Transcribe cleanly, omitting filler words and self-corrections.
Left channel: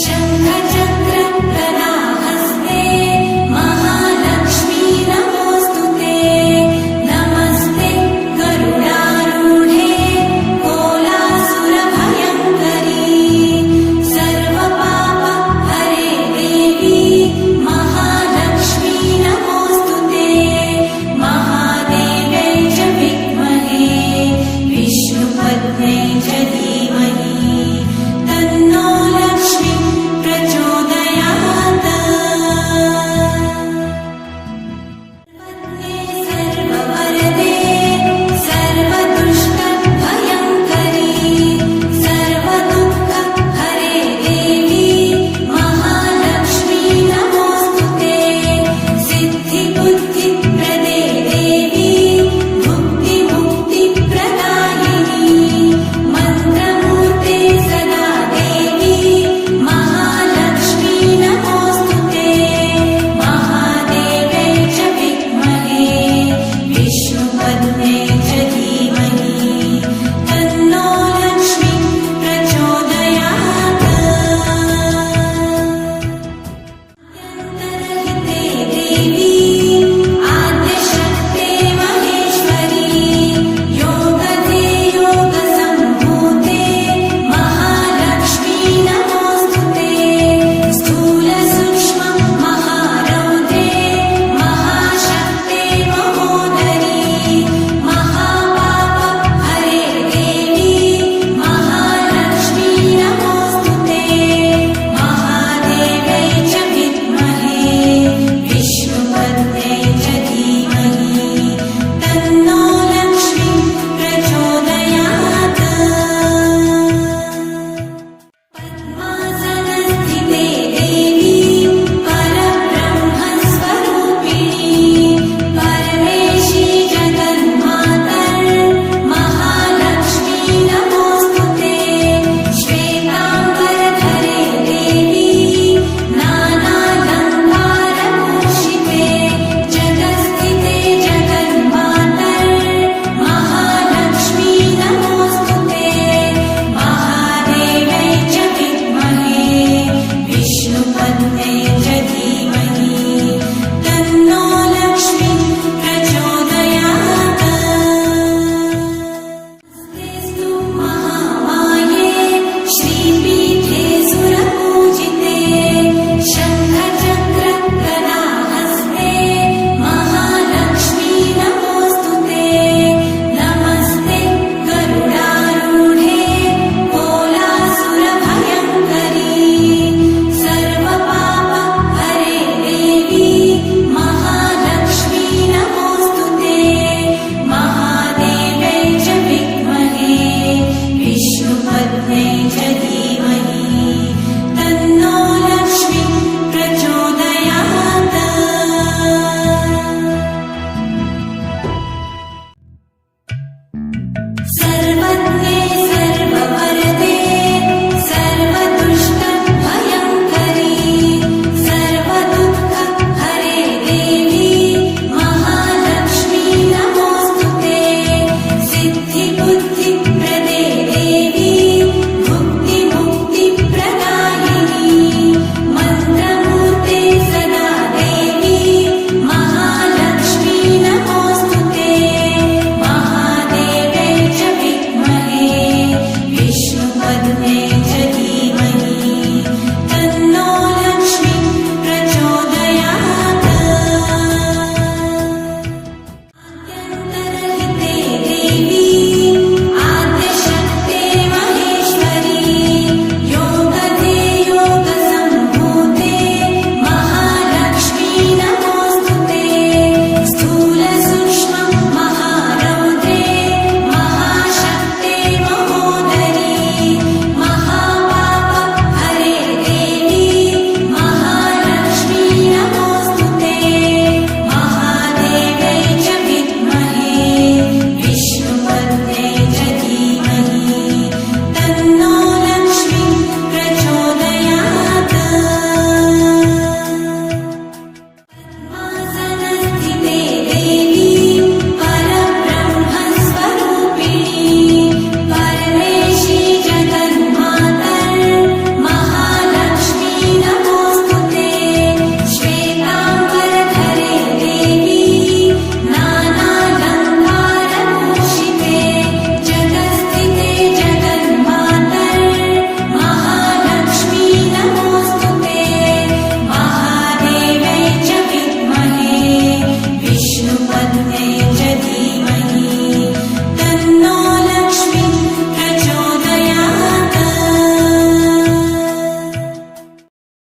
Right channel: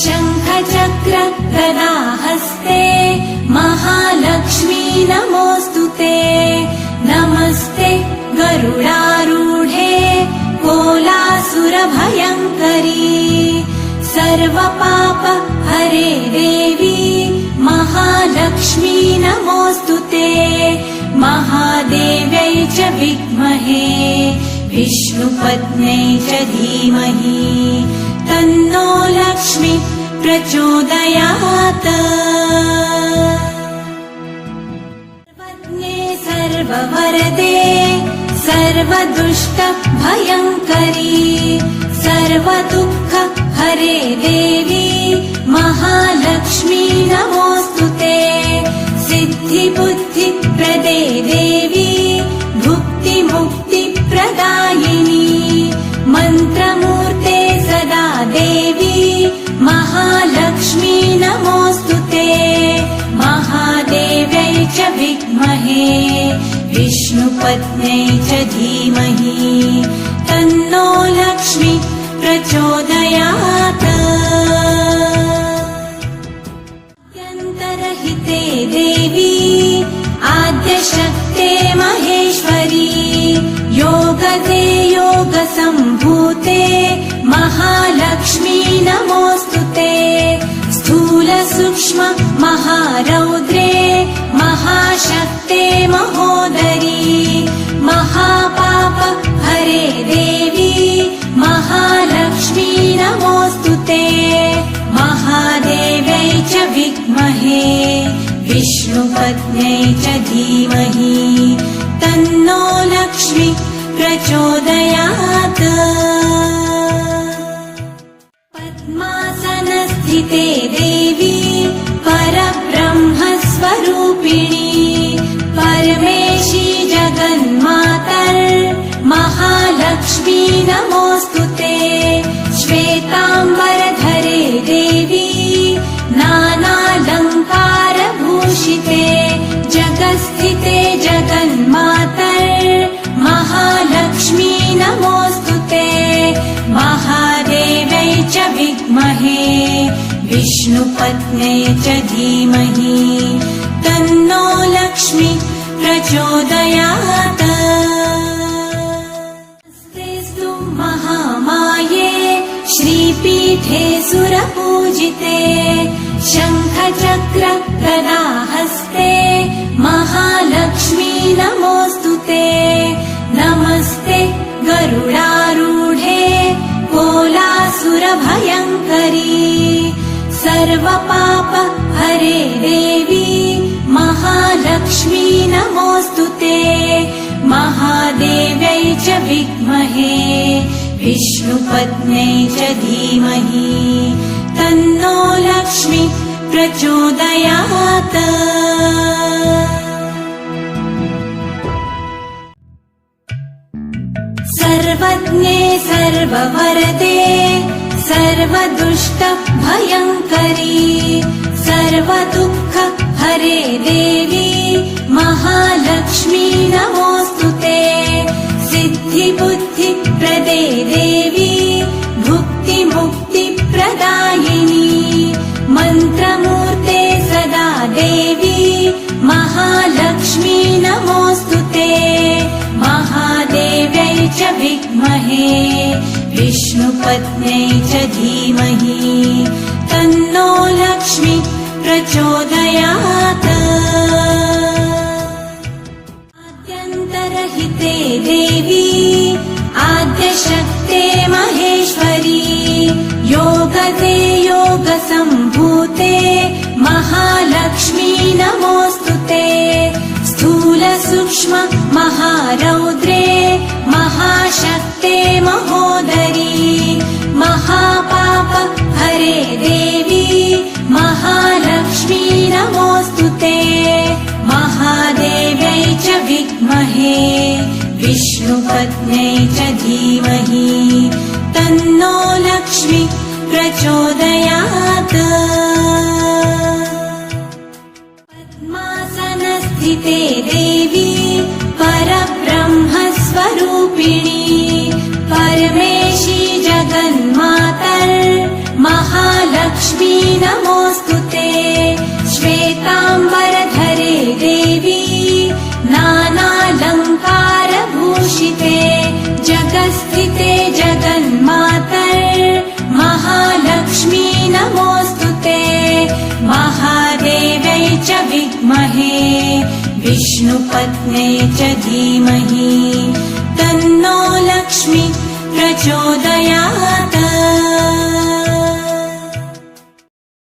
शङ्खचक्र गदाहस्ते महालक्ष्मी नमोऽस्तुते। नमस्ते गरुडारूढे कोलासुरभयङ्करी। सर्वपाप हरे देवी महालक्ष्मी नमोऽस्तुते। महादेव्यै च विद्महे विष्णुपत्न्यै च धीमहि तन्नो लक्ष्मी प्रचोदयात्। सर्वज्ञे सर्ववरदे सर्वदुष्टभयङ्करी। सर्वदुःख हरे देवी महालक्ष्मी नमोऽस्तुते। सिद्धिबुद्धिप्रदे देवी भुक्तिमुक्तिप्रदायिनी। मन्त्रमूर्ते सदा देवी महालक्ष्मी नमोऽस्तुते। महादेव्यै च विद्महे विष्णुपत्न्यै च धीमहि तन्नो लक्ष्मी प्रचोदयात्। अत्यन्तरहिते देवी आद्यशक्ते महेश्वरी। योगदे योगसम्भूते महालक्ष्मी नमोऽस्तुते। स्थूलसूक्ष्म महारौद्रे महाशक्ते महोदरी। महापाप हरे देवी महालक्ष्मी नमोऽस्तुते। महादेव्यै च विद्महे विष्णुपत्न्यै च धीमहि तन्नो लक्ष्मी प्रचोदयात्। पद्मासनस्थिते देवी परब्रह्मस्वरूपिणी। परमेशी जगन्मातर् महालक्ष्मी नमोऽस्तुते। श्वेताम्बरधरे देवी नानालङ्कारभूषिते। जगत्स्थिते जगन्मातर् महालक्ष्मी नमोऽस्तुते। महादेव्यै च विद्महे विष्णुपत्न्यै च धीमहि तन्नो लक्ष्मी प्रचोदयात्। नमस्तेऽस्तु महामाये श्रीपीठे सुरपूजिते। शङ्खचक्र गदाहस्ते महालक्ष्मी नमोऽस्तुते। नमस्ते गरुडारूढे कोलासुरभयङ्करी। सर्वपाप हरे देवी महालक्ष्मी नमोऽस्तुते। महादेव्यै च विद्महे विष्णुपत्न्यै च धीमहि तन्नो लक्ष्मी प्रचोदयात्। सर्वज्ञे सर्ववरदे सर्वदुष्टभयङ्करी। सर्वदुःख हरे देवी महालक्ष्मी नमोऽस्तुते। सिद्धिबुद्धिप्रदे देवी भुक्तिमुक्तिप्रदायिनी। मन्त्रमूर्ते सदा देवी धीमहि